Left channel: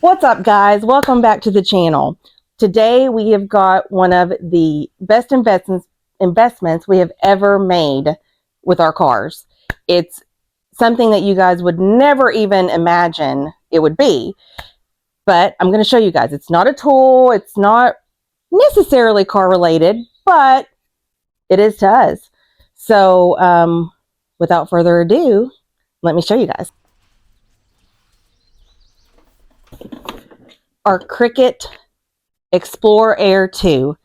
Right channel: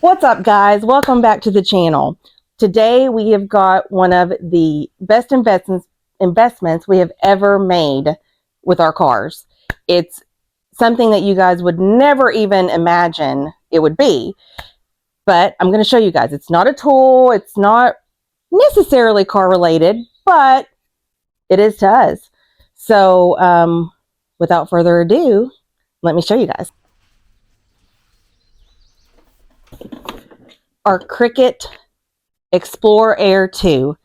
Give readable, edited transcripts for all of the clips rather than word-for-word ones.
What's up, guys? Welcome back to the channel. Today we have got one of the best investments we have ever made with our cars. It's something that you guys would never even imagine it would be, but I'm going to show you guys. It's not a tool. It's not necessarily car related, but it is to us. So without further ado, let me show you guys. Our Cricut Explore Air 2.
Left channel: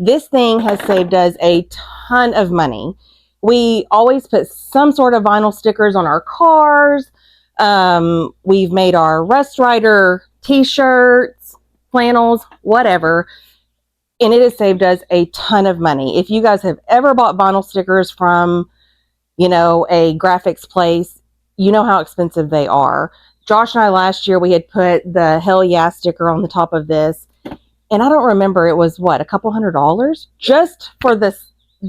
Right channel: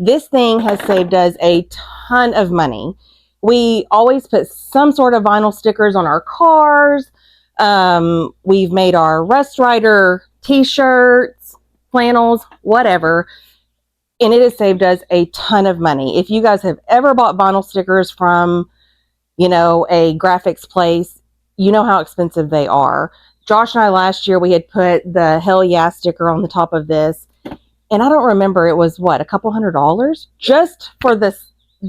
This thing has saved us a ton of money. We always put some sort of vinyl stickers on our cars. We've made our Rust Rider t-shirts, flannels, whatever. And it has saved us a ton of money. If you guys have ever bought vinyl stickers from, a graphics place, you know how expensive they are. Josh and I last year, we had put the Hell Yeah sticker on the top of this. And I don't remember, it was what, a couple $100 just for the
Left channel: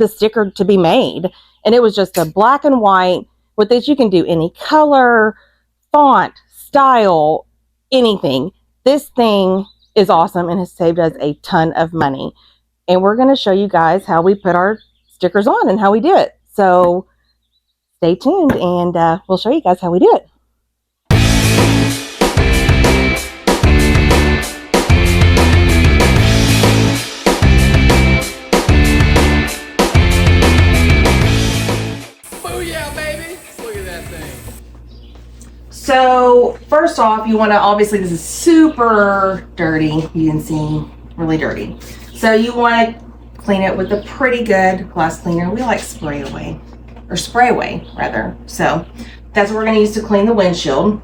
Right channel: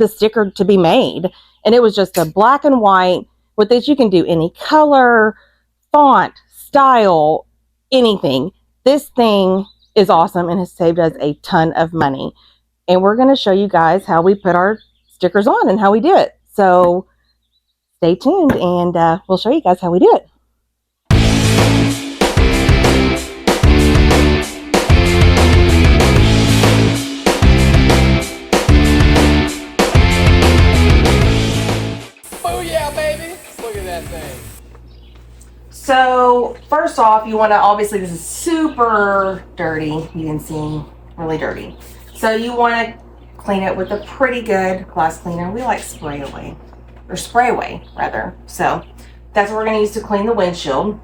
sticker to be made. And it was just a black and white. With this, you can do any color, font, style, anything. This thing is awesome and has saved us a ton of money. And we're going to show you guys how we put our stickers on and how we do it. So stay tuned and we'll show you guys how we do it. So first off, you want to, obviously this is super dirty, you can see, really dirty. So you want to clean it with a pretty good glass cleaner. We like spray away rather. So that's what we're going to use to clean the windshield.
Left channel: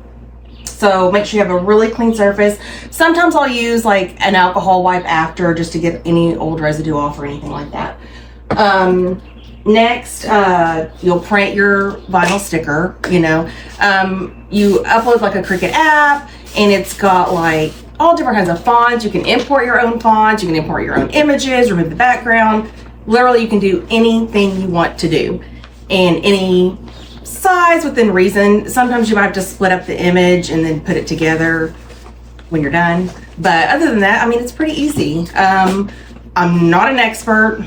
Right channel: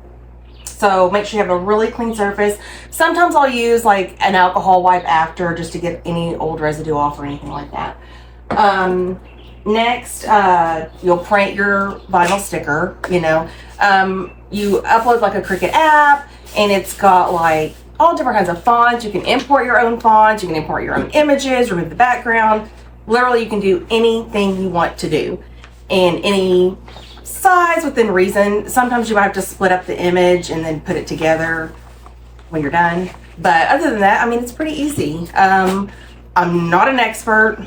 So make sure you have a really clean surface. Sometimes I'll use like an alcohol wipe after just to get any old residue off or anything like that. Next, you'll print your vinyl sticker, you upload like a Cricut app and it's got like all different kinds of fonts. You can import your own fonts, you can import your own images, remove the background. Literally, you can do anything you want to do and any size within reason. Sometimes you might have to split up the image and then put it together when you're done. But other than that, I mean, it's pretty easy. I'm not an expert.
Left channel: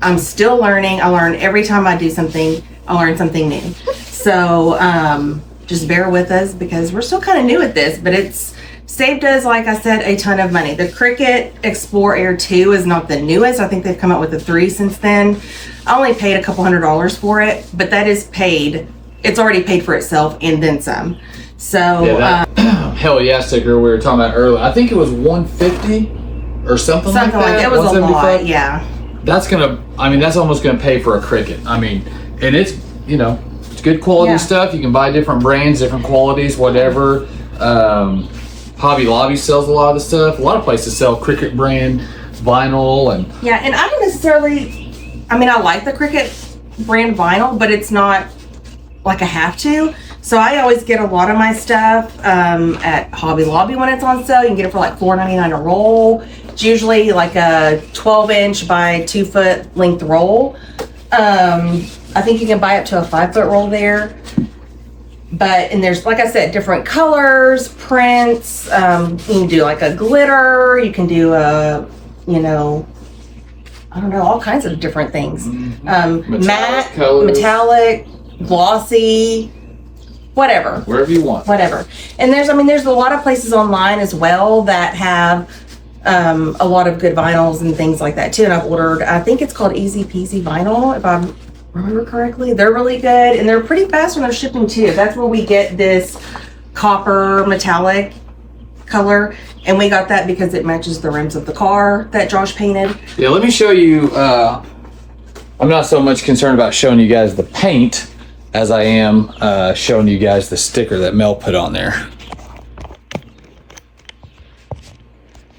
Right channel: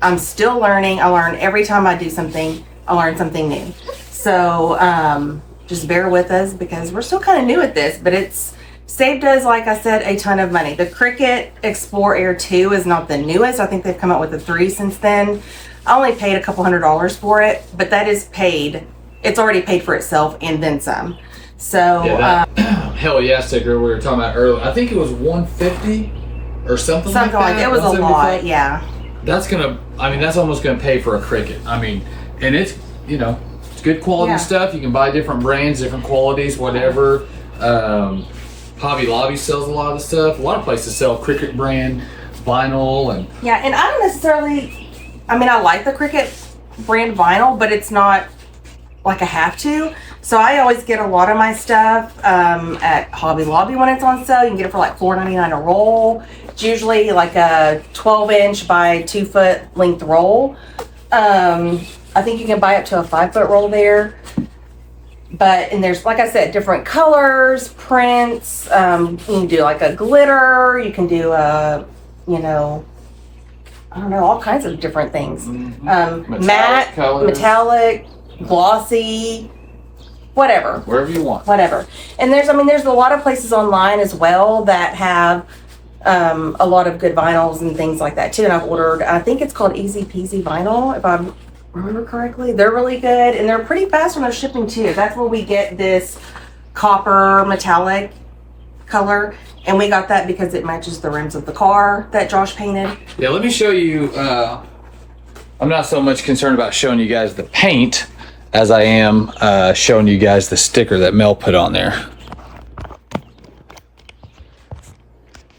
I'm still learning. I learn every time I do something, I learn something new. So just bear with us because we're still kind of new at this, but it's saved us, like I said, a ton of money. The Cricut Explore Air 2 is not the newest. I think they've come out with the 3 since then. I only paid a couple $100 for it, but that is paid. It's already paid for itself and then some. So yeah, Hell Yeah sticker we were talking about earlier. I think it was $150 or something like that. Something like that. It was a lot, yeah. That's almost gonna pay for a Cricut. I mean, and it's, it's good quality stuff. You can buy different brands, different qualities, whatever. Hobby Lobby sells a lot of the stuff. A lot of places sell Cricut brand vinyl and and I don't necessarily, I like the Cricut brand vinyl, but it's not like I have to. So I always get a lot of my stuff at Hobby Lobby when it's on sale. You can get it for like $4.99 a roll. It's usually like a 12-inch by 2-foot length roll. I think you can buy up to a 5-foot roll there. And there's, like I said, different colors, prints. You can do like a glitter. You can do a, I don't know, all kinds of different things. Matte, colors. Metallic, glossy, whatever. Wherever you want. Whatever. And there's a lot of places online as well that have a lot of good vinyls and things like that too. And I've ordered, I think it's called Easy Peasy Vinyl, if I remember correctly. They're really good and they're pretty fast when they're shipping too. That's where we get this copper metallic color. And we got that because it matches the rims of the car that Josh painted. Yeah, let me show you. I'm not so much concerned about showing you guys the paint as I am showing you guys the sticker that Mel put on there.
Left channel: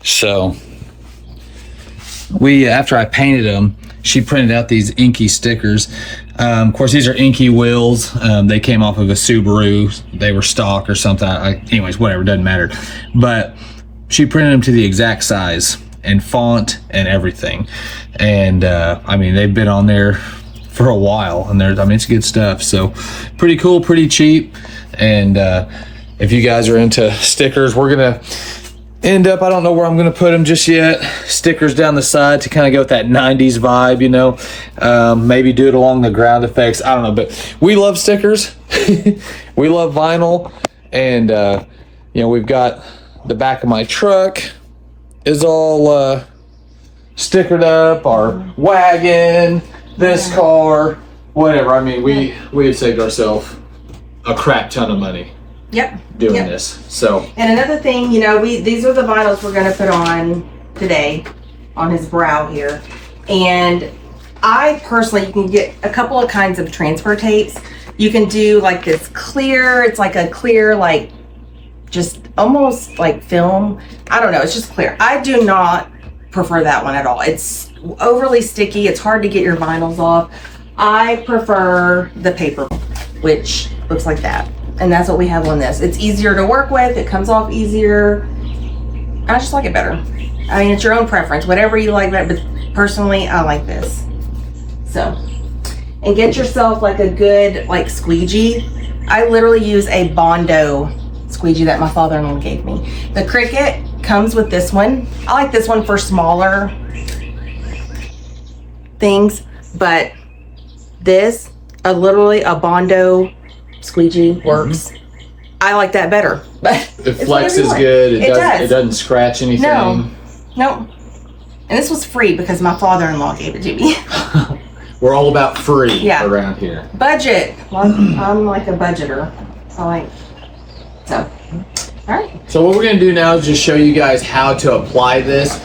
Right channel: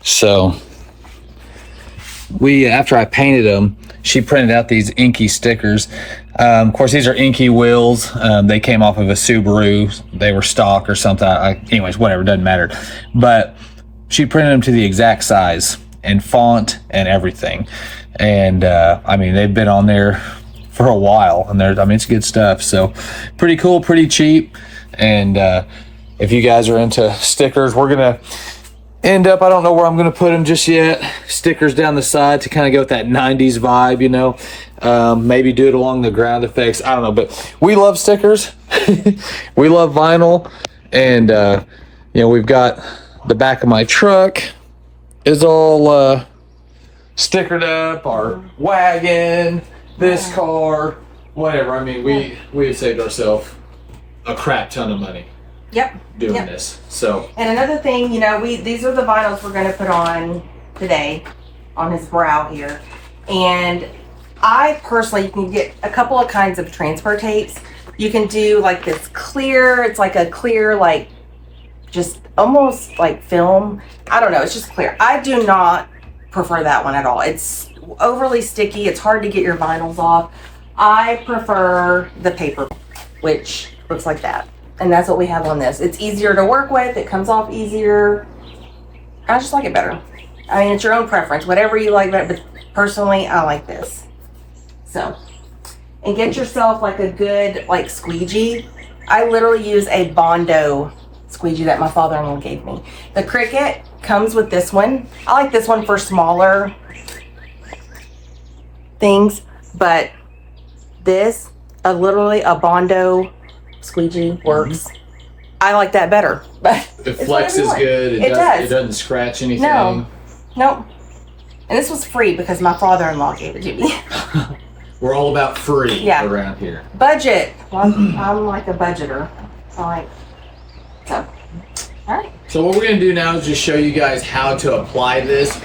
So after I painted them, she printed out these inky stickers. Of course, these are inky wheels. They came off of a Subaru. They were stock or something. Anyways, whatever, doesn't matter. But she printed them to the exact size and font and everything. And they've been on there for a while, and it's good stuff. So pretty cool, pretty cheap. And if you guys are into stickers, we're gonna end up, I don't know where I'm going to put them just yet. Stickers down the side to kind of go with that 90s vibe, you know. Maybe do it along the ground effects. I don't know, but we love stickers. We love vinyl. And, you know, we've got the back of my truck is all stickered up. Our wagon, this car, whatever. I mean, we have saved ourselves a crap ton of money. Yep. Doing this. So. And another thing, you know, these are the vinyls we're going to put on today on his brow here. And I personally, you can get a couple of kinds of transfer tapes. You can do like this clear, it's like a clear, like just almost like film. I don't know, it's just clear. I do not prefer that one at all. It's overly sticky. It's hard to get your vinyls off. I prefer the paper, which looks like that. And that's what we have on this. It's easier to work with. It comes off easier. I just like it better. I mean, it's your own preference, whatever you like, but personally, I like this. So, and get yourself like a good like squeegee. I literally use a Bondo squeegee that my father-in-law gave me. The Cricut comes with this one. I like this one for smaller things, but this, literally a Bondo squeegee works. I like that better, but it flexes good. It doesn't scratch anything. No, nope. And this was free because my father-in-law gave it to me. We're all about free around here. Budget. Well, I'm like a budgeter. So, all right. So what we're gonna do now is just show you guys how to apply this.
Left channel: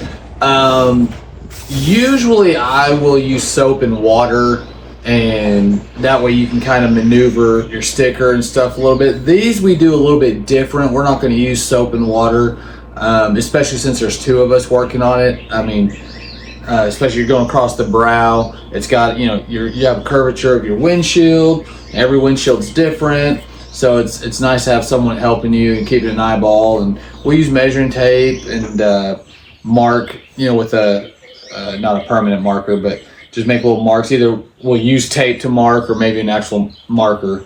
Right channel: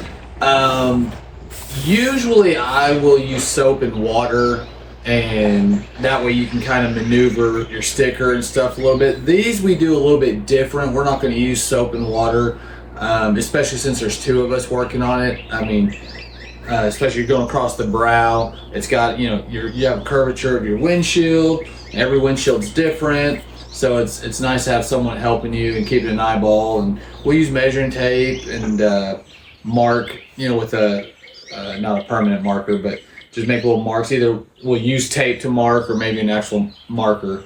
Usually I will use soap and water, and that way you can kind of maneuver your sticker and stuff a little bit. These we do a little bit different. We're not going to use soap and water, especially since there's two of us working on it. I mean, especially you're going across the brow. It's got, you know, you have a curvature of your windshield. Every windshield's different, so it's nice to have someone helping you and keeping an eyeball. And we use measuring tape and mark, you know, with a not a permanent marker, but just make little marks. Either we'll use tape to mark or maybe an actual marker,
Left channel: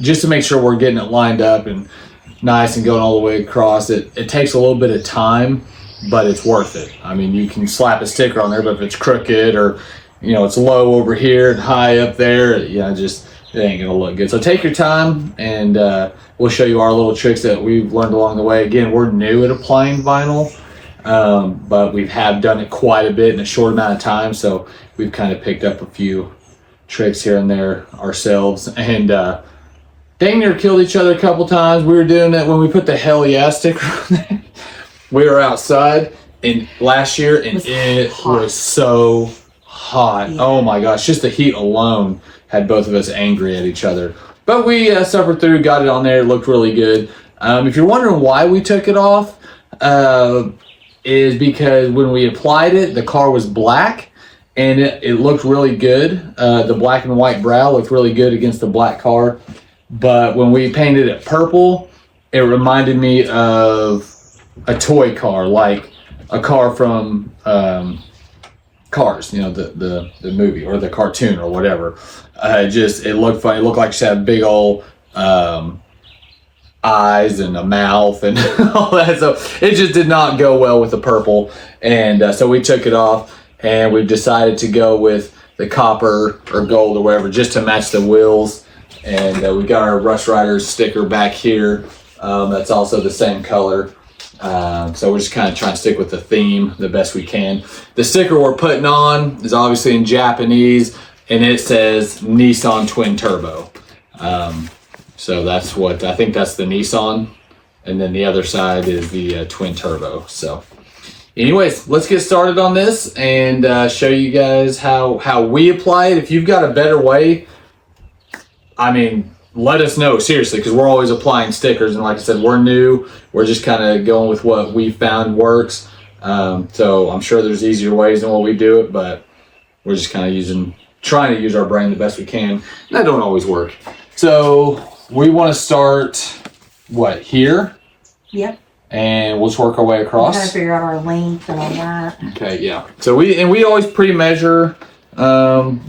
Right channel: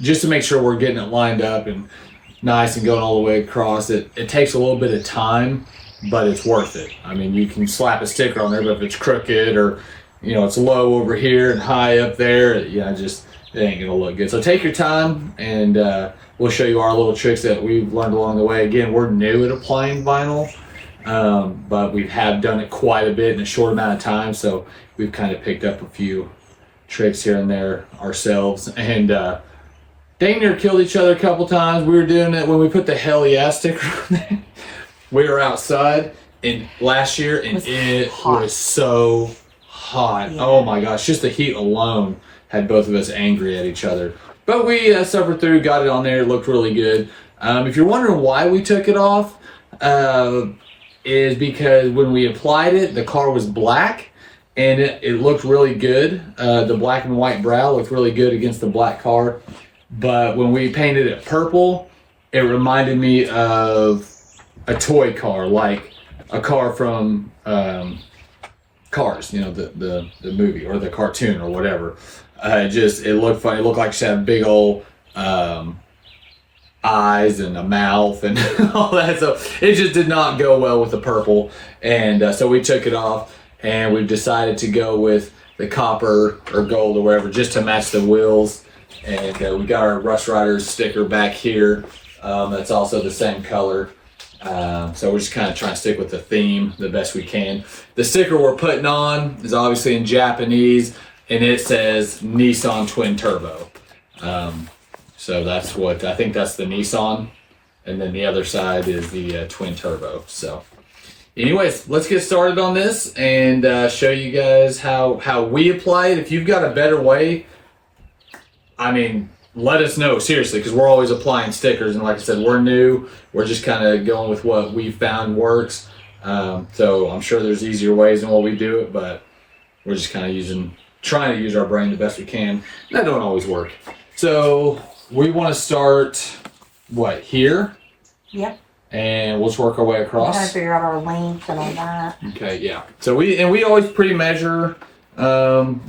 just to make sure we're getting it lined up and nice and going all the way across. It takes a little bit of time, but it's worth it. I mean, you can slap a sticker on there, but if it's crooked or, you know, it's low over here and high up there, you know, just it ain't gonna look good. So take your time, and we'll show you our little tricks that we've learned along the way. Again, we're new at applying vinyl. But we have done it quite a bit in a short amount of time, so we've kind of picked up a few tricks here and there ourselves, and dang near killed each other a couple times. We were doing that when we put the hell yeah sticker on there. We were outside last year, and it was so hot. Yeah. Oh my gosh, just the heat alone had both of us angry at each other. But we suffered through, got it on there, it looked really good. If you're wondering why we took it off, is because when we applied it, the car was black, and it looked really good. The black and white brow looked really good against the black car. But when we painted it purple, it reminded me of a toy car, like a car from Cars, you know, the movie or the cartoon or whatever. It looked funny. It looked like she had big old eyes and a mouth and all that, so it just did not go well with the purple, and so we took it off, and we've decided to go with the copper or gold or whatever just to match the wheels. And we got our Rush Riders sticker back here, that's also the same color, so we're just kind of trying to stick with the theme the best we can. The sticker we're putting on is obviously in Japanese, and it says Nissan Twin Turbo. So that's what, I think that's the Nissan, and then the other side is the Twin Turbo. So anyways, let's get started on this and show you guys how we apply it. If you've got a better way, I mean, let us know, seriously, because we're always applying stickers, and like I said, we're new. We're just kind of going with what we found works. So I'm sure there's easier ways than what we do it, but we're just kind of trying to use our brain the best we can. That don't always work. So we want to start, what, here? Yep. And we'll just work our way across. Trying to figure out our length and all that. Okay, yeah. So we always pre-measure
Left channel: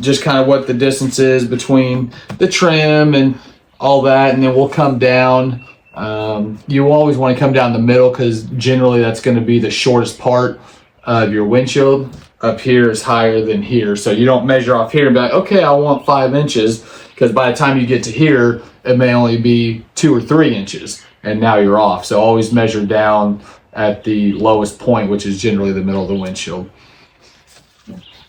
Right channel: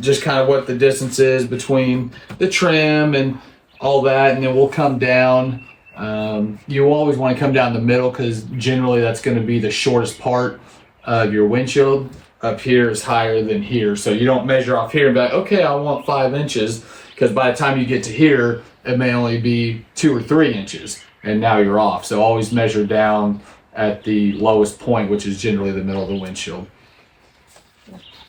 just kind of what the distance is between the trim and all that, and then we'll come down You always want to come down the middle because generally that's going to be the shortest part of your windshield. Up here is higher than here, so you don't measure off here and be like, okay, I want 5 inches, because by the time you get to here, it may only be 2 or 3 inches, and now you're off. So always measure down at the lowest point, which is generally the middle of the windshield.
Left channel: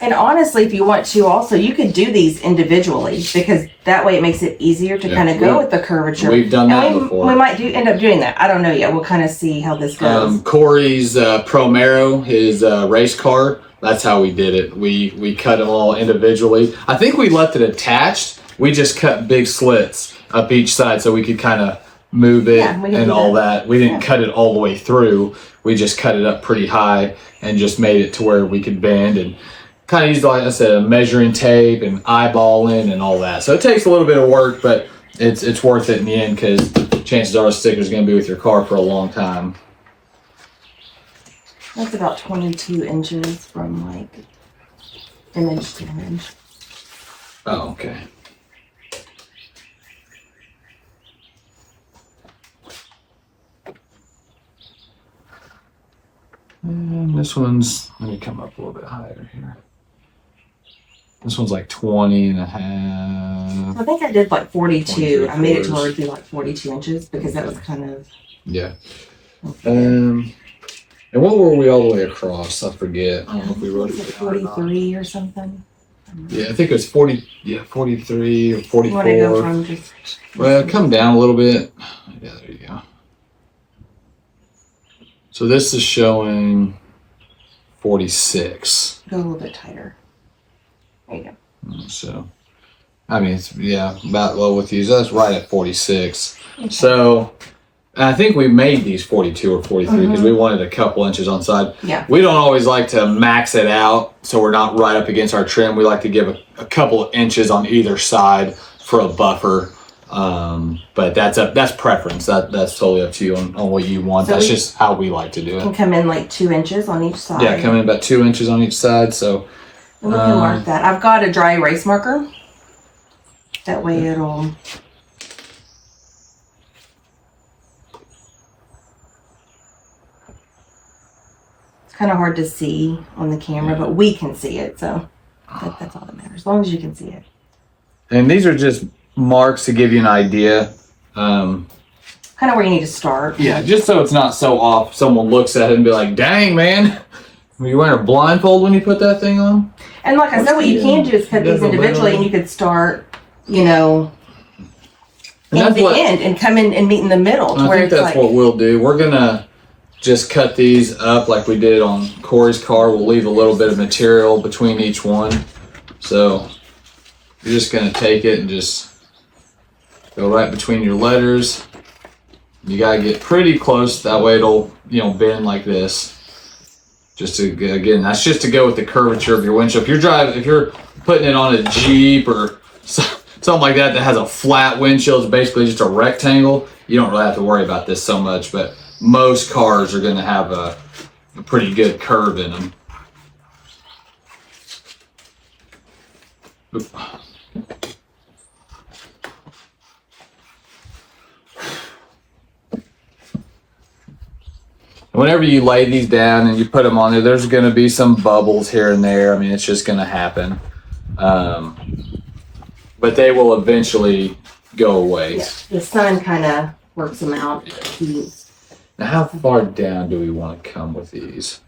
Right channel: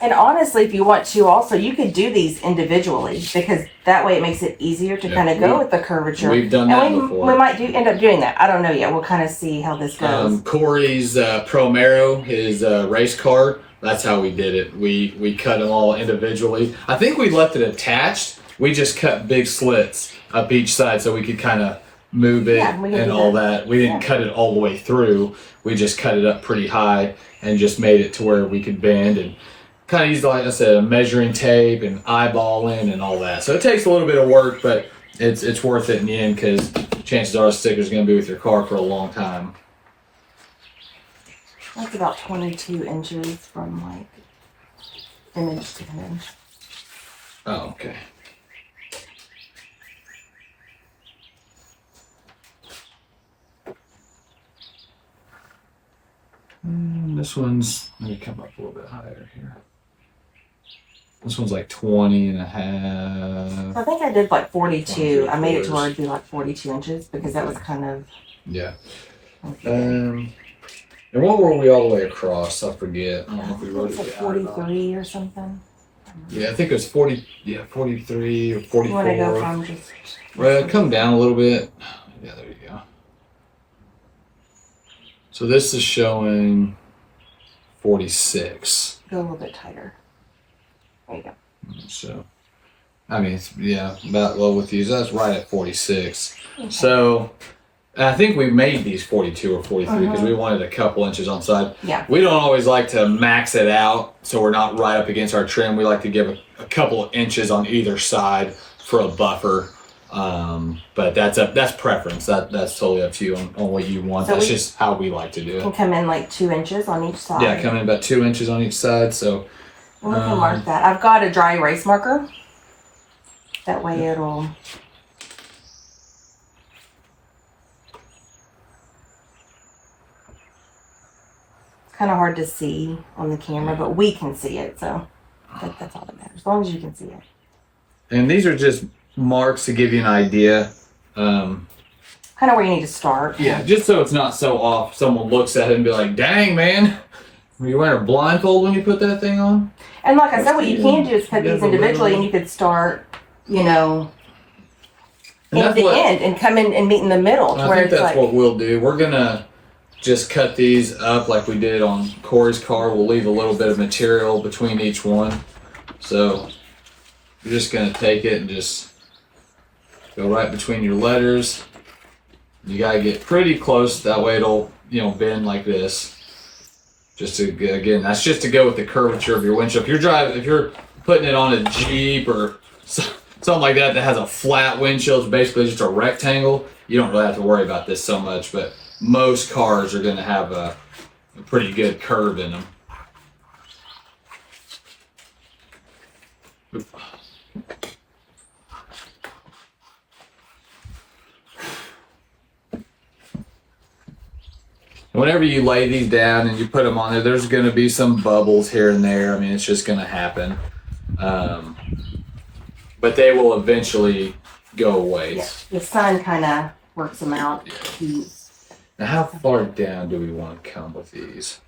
And honestly, if you want to also, you could do these individually, because that way it makes it easier to kind of go with the curvature. We've done that before. We might end up doing that. I don't know yet. We'll kind of see how this goes. Corey's Promero, his race car, that's how we did it. We cut them all individually. I think we left it attached. We just cut big slits up each side so we could kind of move it and all that. We didn't cut it all the way through. We just cut it up pretty high and just made it to where we could bend and kind of used, like I said, a measuring tape and eyeballing and all that. So it takes a little bit of work, but it's worth it in the end, because chances are the sticker's going to be with your car for a long time. That's about 22 inches from like image to image. Oh, okay. And this one's, let me come up a little bit higher here. This one's like 20 and a half. I think I did like 42. I made it to where it'd be like 42 inches because that was kind of. Yeah. And what were we all the way across? I forget. I don't know if we wrote it like 43 or something. Yeah, I think it was 40. Yeah, 43 or 44. You want to go from just. Well, come down a little bit. Yeah, there you go. So this is showing 46. Go a little bit tighter. There you go. So, I mean, it's, yeah, about low with these. That's right at 46. Okay. So, I think we made these 42 or 43 because we wanted a couple inches on side. Yeah. We don't always like to max it out so we're not right up against our trim. We like to give a couple of inches on either side for a buffer. But that's preference. That's totally up to you on what you want. So that's just how we like to do it. Can come in like 2 inches on each side. Yeah, come in about 2 inches on each side. So we can mark that. I've got a dry erase marker. That way it'll. It's kind of hard to see on the camera, but we can see it, so that's all that matters. As long as you can see it. And these are just marks to give you an idea. Kind of where you need to start. Yeah, just so it's not so off. Someone looks at it and be like, "Dang, man, were you wearing a blindfold when you put that thing on?" And like I said, what you can do is cut these individually, and you could start, end to end and come in and meet in the middle. I think that's what we'll do. We're gonna just cut these up like we did on Corey's car. We'll leave a little bit of material between each one. So you're just gonna take it and just go right between your letters. You gotta get pretty close. That way it'll, bend like this. Just to, again, that's just to go with the curvature of your windshield. If you're putting it on a Jeep or something like that has a flat windshield, it's basically just a rectangle, you don't really have to worry about this so much, but most cars are going to have a pretty good curve in them. Oop. Whenever you lay these down and you put them on there, there's going to be some bubbles here and there. I mean, it's just going to happen. But they will eventually go away. Yeah, the sun kind of works them out. Now, how far down do we want to come with these?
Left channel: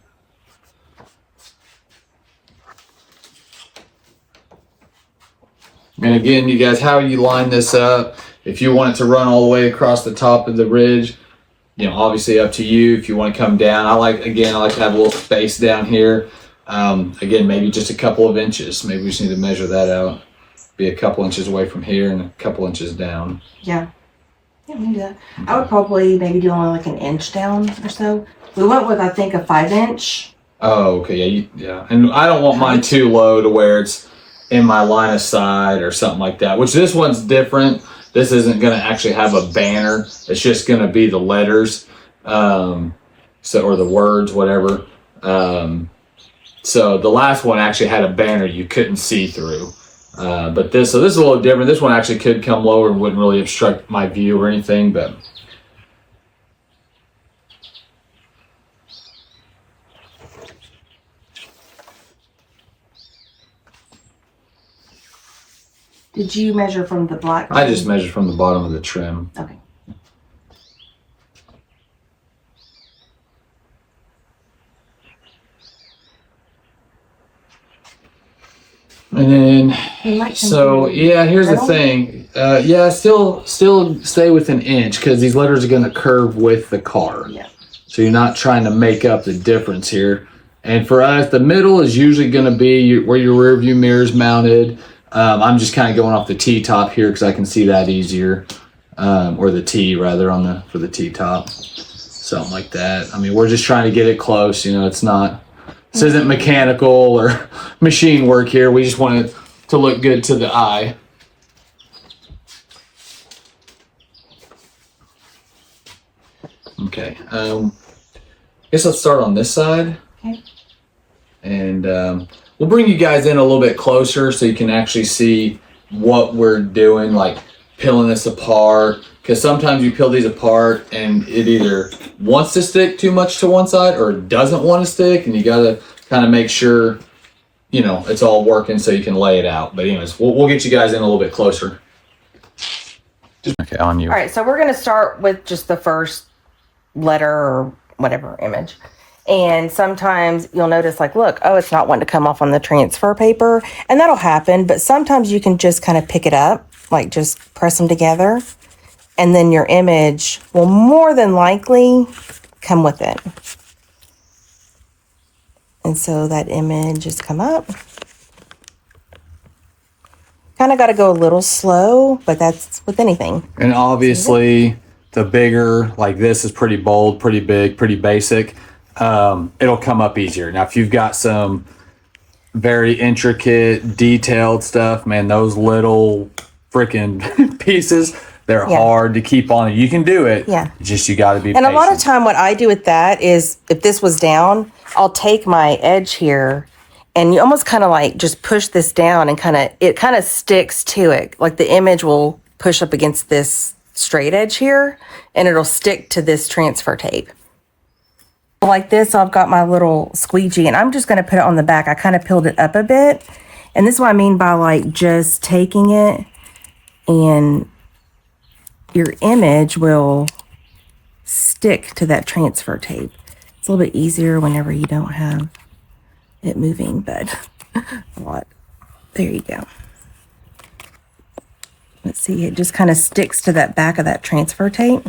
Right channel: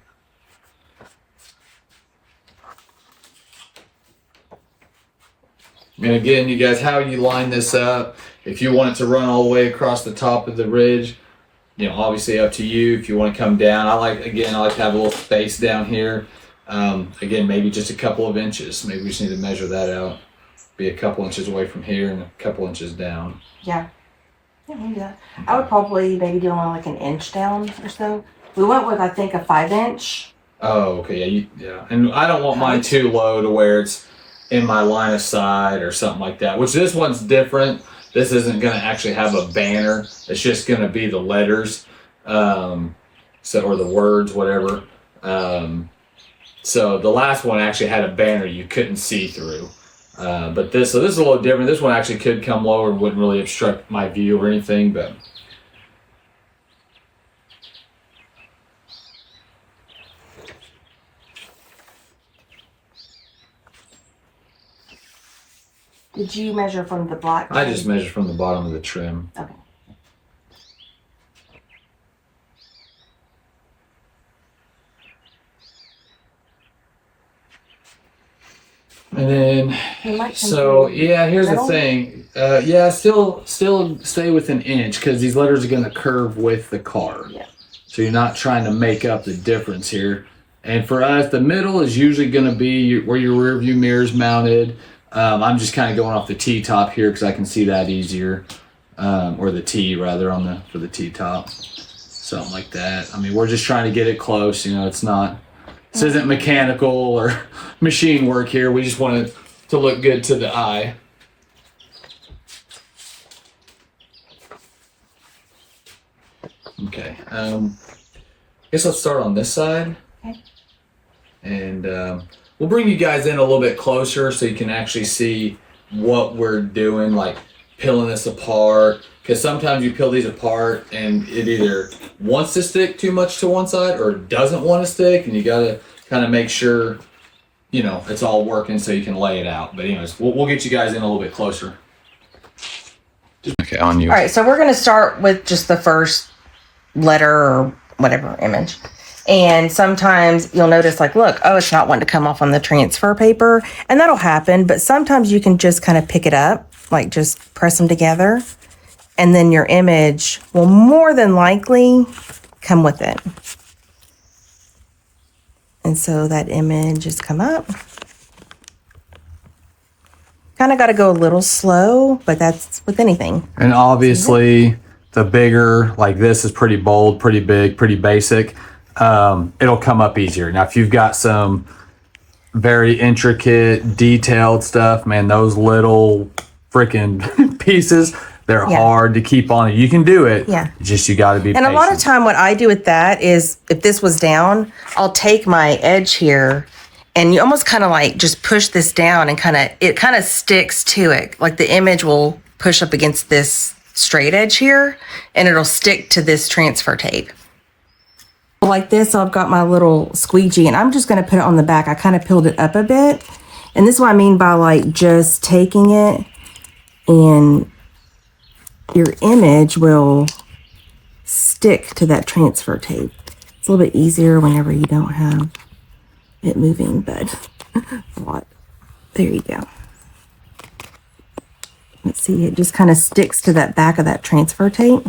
And again, you guys, how you line this up, if you want it to run all the way across the top of the ridge, obviously up to you. If you want to come down, I like to have a little space down here. Again, maybe just a couple of inches. Maybe we just need to measure that out. Be a couple inches away from here and a couple inches down. Yeah. Yeah, we can do that. I would probably maybe do only like an inch down or so. We went with, I think, a 5-inch. Oh, okay. Yeah. And I don't want mine too low to where it's in my line of sight or something like that, which this one's different. This isn't going to actually have a banner. It's just going to be the letters, or the words, whatever. So the last one actually had a banner you couldn't see through. But this is a little different. This one actually could come lower and wouldn't really obstruct my view or anything. But Did you measure from the black? I just measured from the bottom of the trim. Okay. And then, so yeah, here's the thing. Yeah, still stay within an inch because these letters are going to curve with the car. Yeah. So you're not trying to make up the difference here. And for us, the middle is usually going to be where your rear view mirror is mounted. I'm just kind of going off the T-top here because I can see that easier, or the T rather for the T-top, something like that. I mean, we're just trying to get it close. You know, it's not. This isn't mechanical or machine work here. We just want it to look good to the eye. Okay. I guess let's start on this side. Okay. And we'll bring you guys in a little bit closer so you can actually see what we're doing, like peeling this apart. Because sometimes you peel these apart and it either wants to stick too much to one side or doesn't want to stick, and you got to kind of make sure, you know, it's all working so you can lay it out. But anyways, we'll get you guys in a little bit closer. Okay, on you. All right, so we're going to start with just the first letter or whatever image. And sometimes you'll notice, like, look, oh, it's not wanting to come off on the transfer paper. And that'll happen. But sometimes you can just kind of pick it up, like just press them together. And then your image will more than likely come with it. And so that image has come up. Kind of got to go a little slow, but that's with anything. And obviously, the bigger, like this is pretty bold, pretty big, pretty basic. It'll come up easier. Now, if you've got some very intricate, detailed stuff, man, those little freaking pieces, they're hard to keep on. You can do it. Yeah. Just you got to be patient. And a lot of time what I do with that is if this was down, I'll take my edge here and you almost kind of like just push this down and it kind of sticks to it. Like the image will push up against this straight edge here and it'll stick to this transfer tape. Like this, I've got my little squeegee and I'm just going to put it on the back. I kind of peeled it up a bit. And this is what I mean by like just taking it, and your image will stick to that transfer tape. It's a little bit easier whenever you don't have it moving, but a lot. There you go. Let's see, it just kind of sticks to that back of that transfer tape.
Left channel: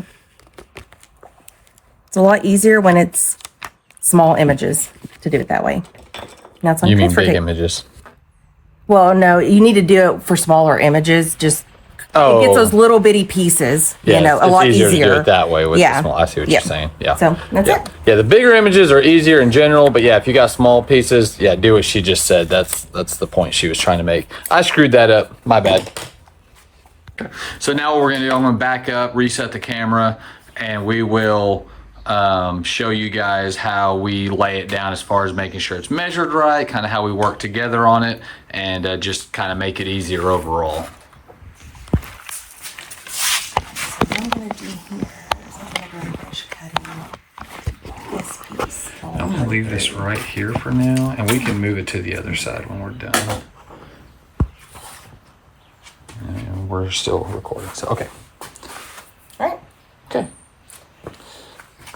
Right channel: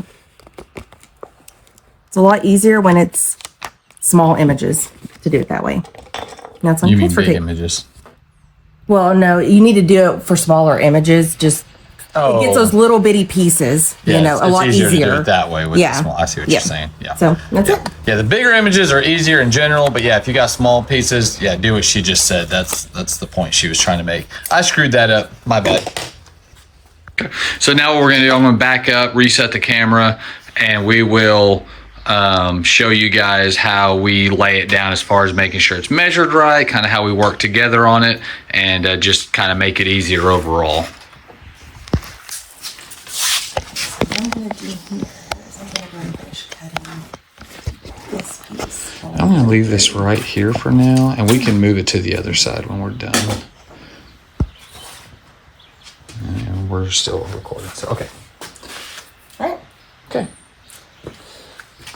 It's a lot easier when it's small images to do it that way. Now it's on transfer tape. Images? Well, no, you need to do it for smaller images. Just it gets those little bitty pieces, a lot easier. To do it that way with the small. I see what you're saying. Yeah. So that's it. Yeah, the bigger images are easier in general, but yeah, if you got small pieces, do what she just said. That's the point she was trying to make. I screwed that up. My bad. Okay. So now what we're gonna do, I'm gonna back up, reset the camera, and we will show you guys how we lay it down as far as making sure it's measured right, kind of how we work together on it, and just kind of make it easier overall. What I'm going to do here is I'm going to go and finish cutting this piece. I'm gonna leave this right here for now, and we can move it to the other side when we're done. And we're still recording, so okay. Right. Okay.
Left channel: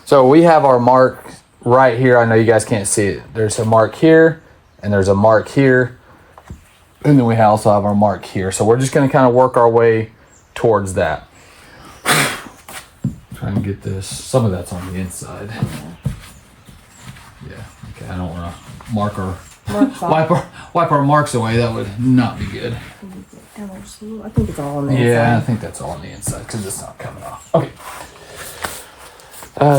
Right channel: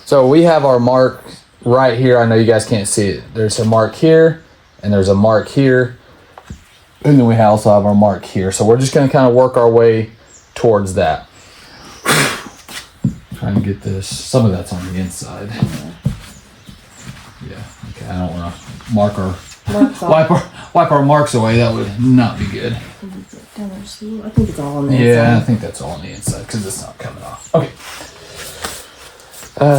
So we have our mark right here. I know you guys can't see it. There's a mark here, and there's a mark here, and then we also have our mark here. So we're just gonna kind of work our way towards that. Trying to get this. Some of that's on the inside. Yeah. Okay. I don't want to mark our wipe our marks away. That would not be good. I think it's all on the inside. Yeah, I think that's all on the inside because it's not coming off. Okay.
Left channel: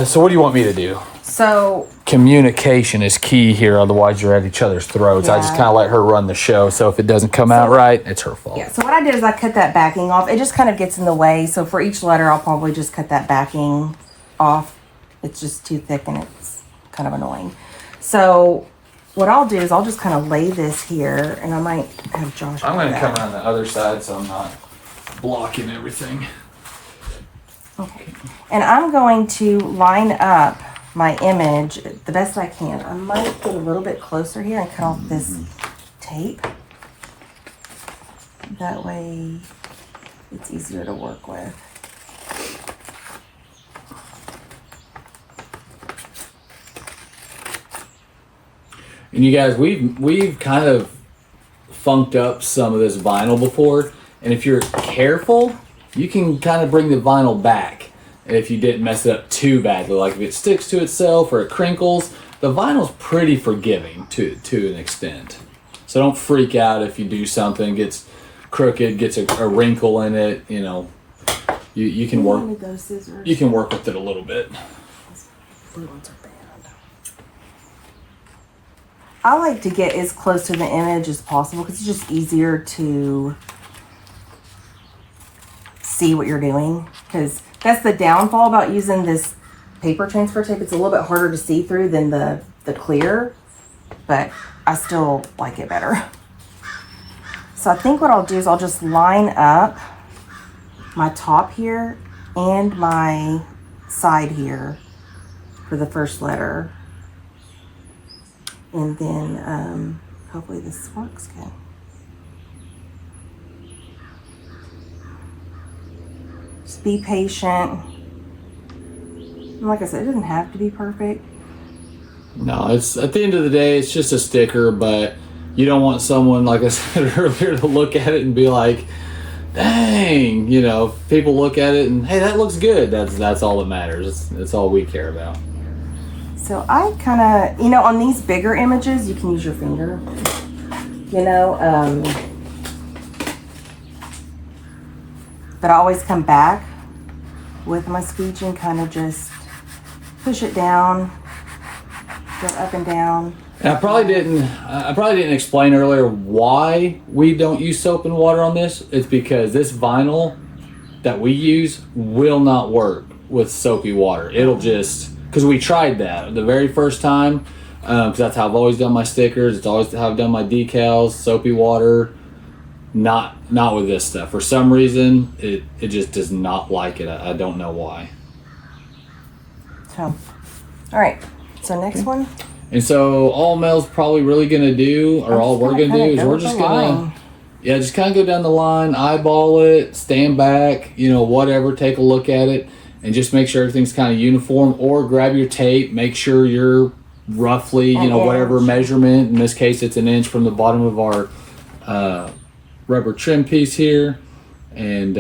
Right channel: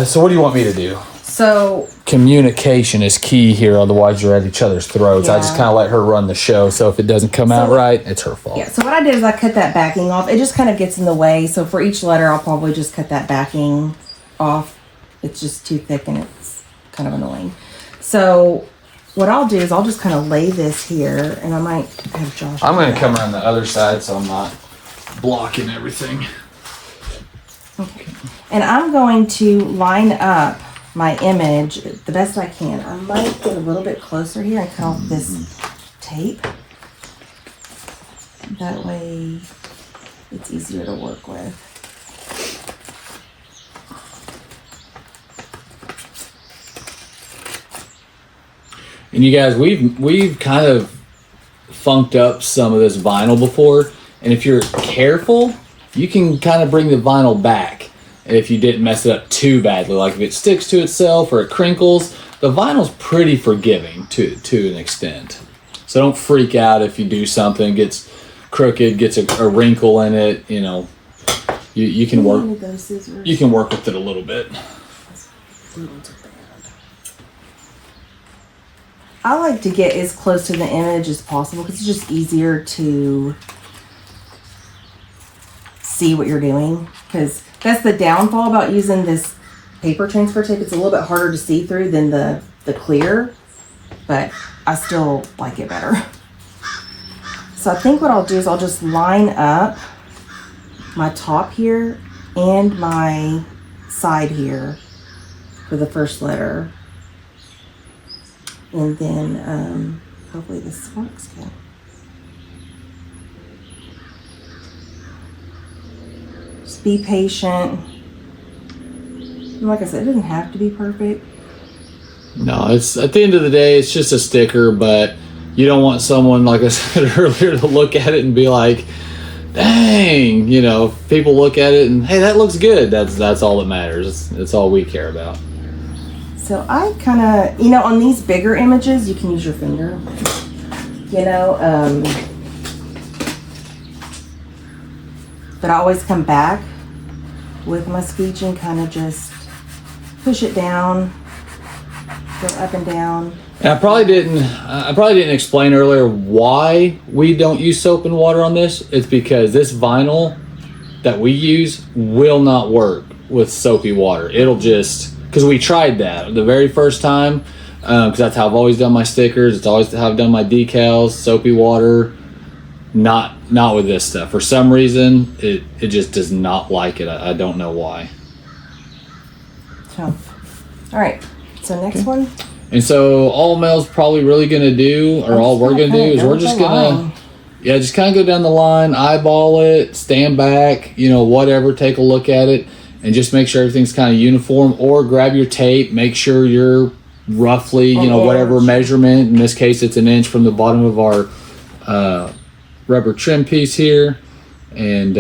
So what do you want me to do? So Communication is key here, otherwise you're at each other's throats. I just Yeah. kind of let her run the show, so if it doesn't come out right, it's her fault. yeah, so what I did is I cut that backing off. It just kind of gets in the way. So for each letter, I'll probably just cut that backing off. It's just too thick and it's kind of annoying. So what I'll do is I'll just kind of lay this here, and I might have Josh. I'm going to do come that. around the other side so I'm not blocking everything. Okay. And I'm going to line up my image the best I can. I might get a little bit closer here and cut off this tape. But That way it's easier to work with. And you guys, we've kind of funked up some of this vinyl before, and if you're careful, you can kind of bring the vinyl back if you didn't mess it up too badly. Like if it sticks to itself or it crinkles, the vinyl's pretty forgiving to an extent. So don't freak out if you do something, gets crooked, gets a wrinkle in it, you know. You can work with it a little bit. I like to get as close to the image as possible because it's just easier to see what you're doing. Because that's the downfall about using this paper transfer tape. It's a little bit harder to see through than the clear, but I still like it better. So I think what I'll do is I'll just line up my top here and my side here for the first letter. And then hopefully this works good. Just be patient. And like I said, it doesn't have to be perfect. No, it's at the end of the day, it's just a sticker, but you don't want someone, like I said earlier, to look at it and be like, dang, you know, people look at it and, hey, that looks good. That's all that matters. It's all we care about. So I kind of, you know, on these bigger images, you can use your finger, you know, but I always come back with my speech and kind of just push it down, go up and down. And I probably didn't explain earlier why we don't use soap and water on this. It's because this vinyl that we use will not work with soapy water. It'll just, because we tried that the very first time, because that's how I've always done my stickers. It's always how I've done my decals, soapy water. Not with this stuff. For some reason, it just does not like it. I don't know why. So, all right. So next one. And so all Mel's probably really gonna do, or all we're gonna do, is we're just gonna, just kind of go down the line, eyeball it, stand back, you know, whatever, take a look at it, and just make sure everything's kind of uniform. Or grab your tape, make sure you're roughly, you know, whatever measurement. In this case, it's 1 inch from the bottom of our rubber trim piece here, and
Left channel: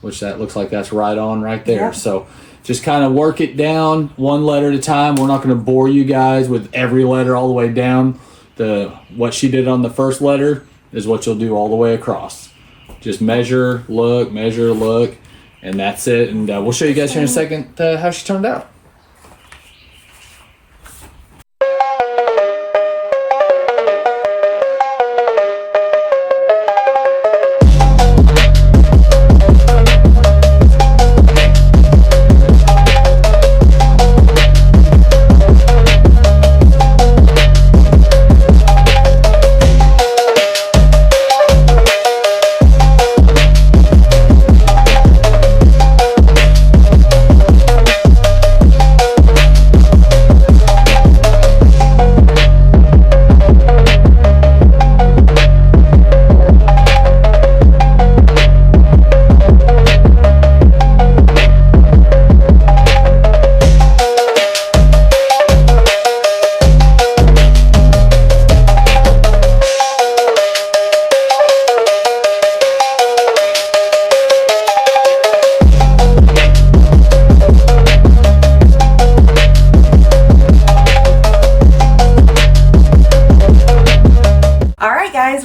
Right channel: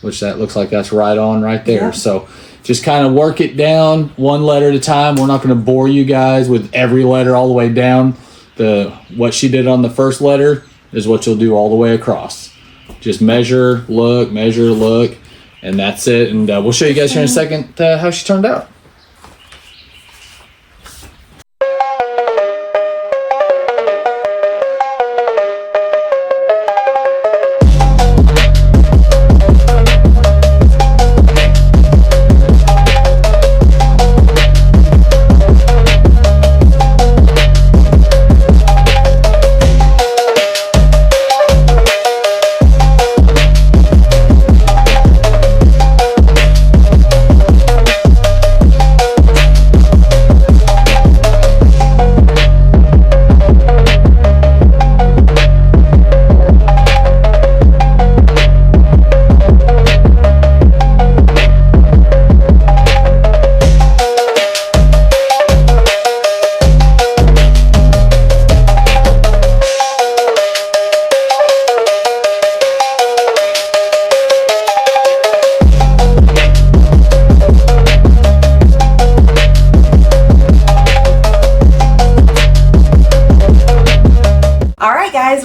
which that looks like that's right on right there. Yep. So just kind of work it down one letter at a time. We're not going to bore you guys with every letter all the way down. What she did on the first letter is what you'll do all the way across. Just measure, look, and that's it. And we'll show you guys here in a second how she turned out.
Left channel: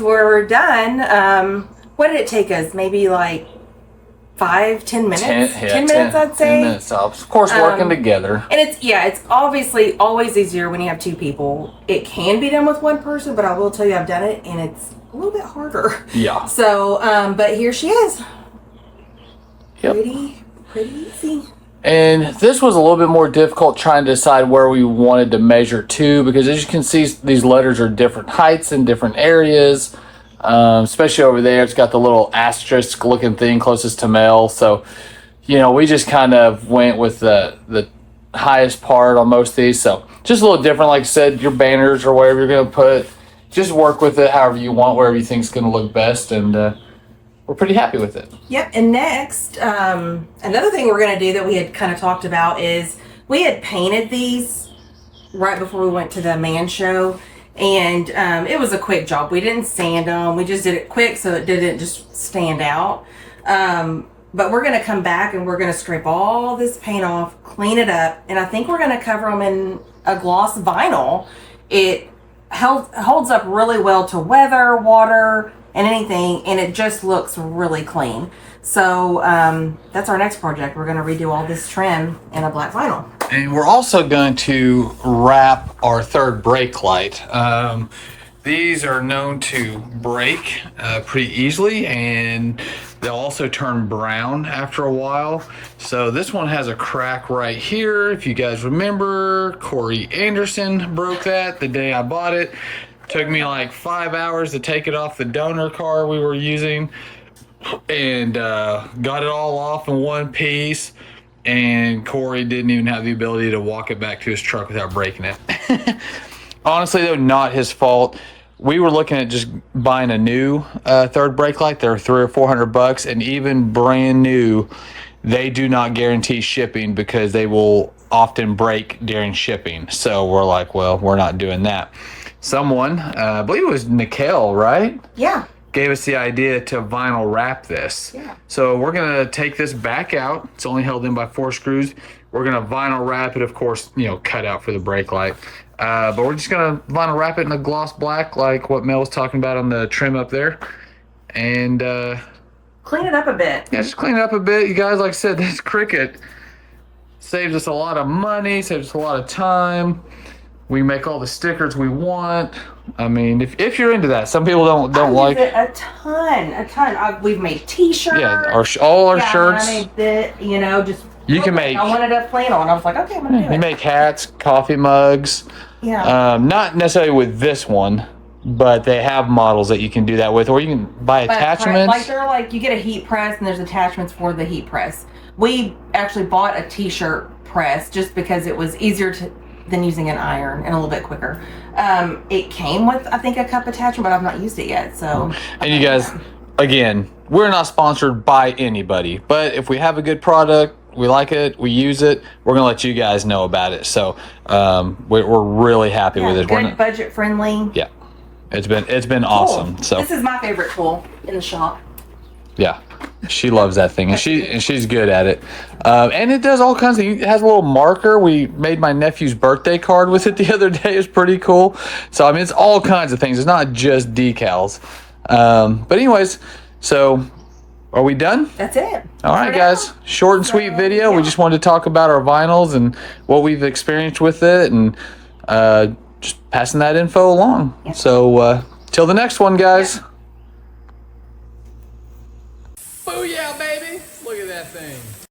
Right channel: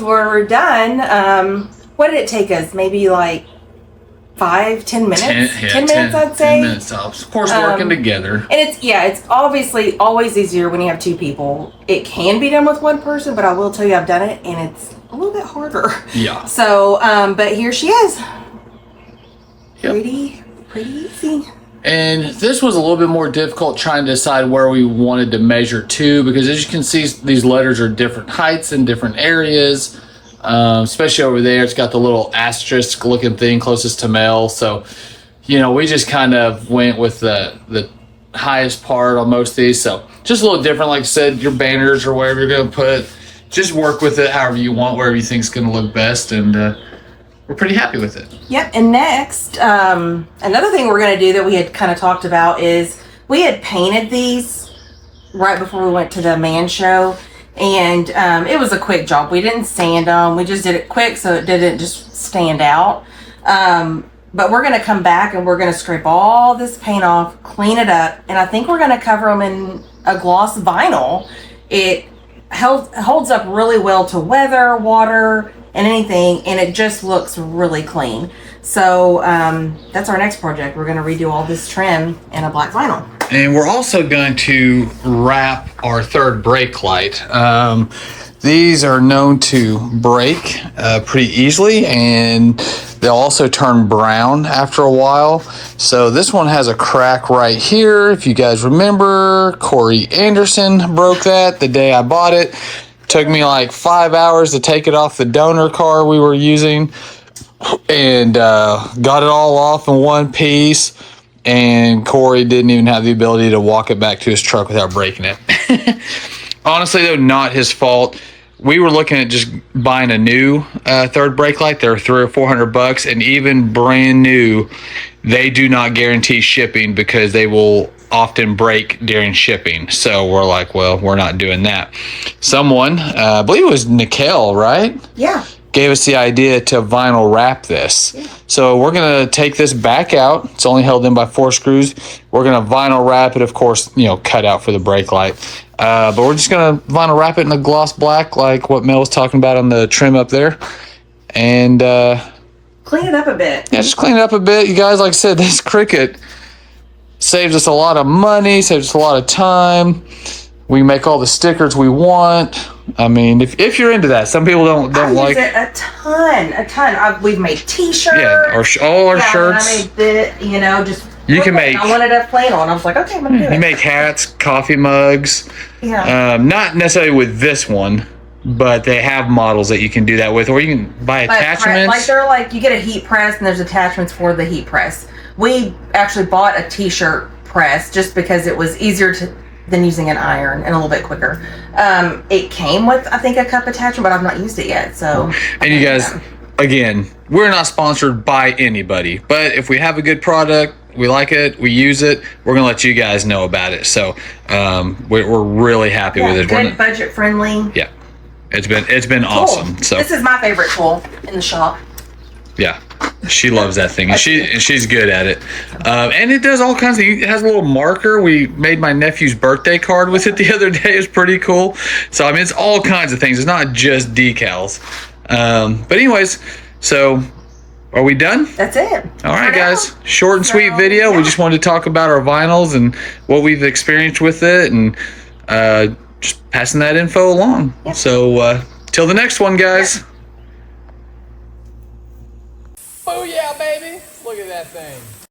We're done. What did it take us? Maybe like 5-10 minutes? 10 minutes, I'd say. 10 minutes tops. Of course, working together. And it's obviously always easier when you have two people. It can be done with one person, but I will tell you I've done it, and it's a little bit harder. Yeah. So, but here she is. Yep. Pretty easy. And this was a little bit more difficult trying to decide where we wanted to measure to, because as you can see, these letters are different heights in different areas, especially over there. It's got the little asterisk looking thing closest to Mel. So, you know, we just kind of went with the highest part on most of these. So just a little different. Like I said, your banners or wherever you're going to put, just work with it however you want, wherever you think's going to look best, and we're pretty happy with it. Yep. And next, another thing we're going to do that we had kind of talked about is we had painted these right before we went to the man show, and it was a quick job. We didn't sand them. We just did it quick so it didn't just stand out. But we're going to come back and we're going to scrape all this paint off, clean it up, and I think we're going to cover them in a gloss vinyl. It holds up really well to weather, water, and anything, and it just looks really clean. So that's our next project. We're going to redo all this trim in a black vinyl. And we're also going to wrap our third brake light. These are known to break pretty easily, and they'll also turn brown after a while. So this one has a crack right here. If you guys remember, Corey Anderson broke that the day I bought it. Took me like 5 hours to take it off the donor car we were using, and got it all off in one piece. And Corey didn't even have the ability to walk it back to his truck without breaking it. Honestly, though, not his fault. We were looking at just buying a new third brake light. They're $300 or $400, and even brand new, they do not guarantee shipping because they will often break during shipping. So we're like, well, we're not doing that. Someone, I believe it was Nicole, right? Yeah. Gave us the idea to vinyl wrap this. Yeah. So we're gonna take this back out. It's only held in by 4 screws. We're gonna vinyl wrap it, of course, cut out for the brake light. But we're just gonna vinyl wrap it in a gloss black, like what Mel was talking about on the trim up there, and clean it up a bit. Yeah, just clean it up a bit, you guys. Like I said, this Cricut saves us a lot of money, saves us a lot of time. We can make all the stickers we want. I mean, if you're into that, some people don't like it a ton. We've made T-shirts. Yeah, all our shirts. I made it, just. You can make. I wanted a plain on. I was like, okay, I'm gonna do it. You make hats, coffee mugs. Yeah. Not necessarily with this one, but they have models that you can do that with, or you can buy attachments. You get a heat press, and there's attachments for the heat press. We actually bought a T-shirt press just because it was easier than using an iron and a little bit quicker. It came with, I think, a cup attachment, but I've not used it yet. So. And you guys, again, we're not sponsored by anybody, but if we have a good product, we like it, we use it, we're gonna let you guys know about it. So we're really happy with it. Good, budget friendly. Yeah, it's been awesome. So this is my favorite tool in the shop. Yeah, she loves that thing, and she's good at it. And it does all kinds of. It has a little marker. We made my nephew's birthday card with it the other day. It's pretty cool. So I mean, it's all kinds of things. It's not just decals. But anyways, so are we done? That's it. All right, guys. Short and sweet video. Yeah. We just wanted to talk about our vinyls and what we've experienced with it, and just passing that info along. Yep. So till the next one, guys. Yep.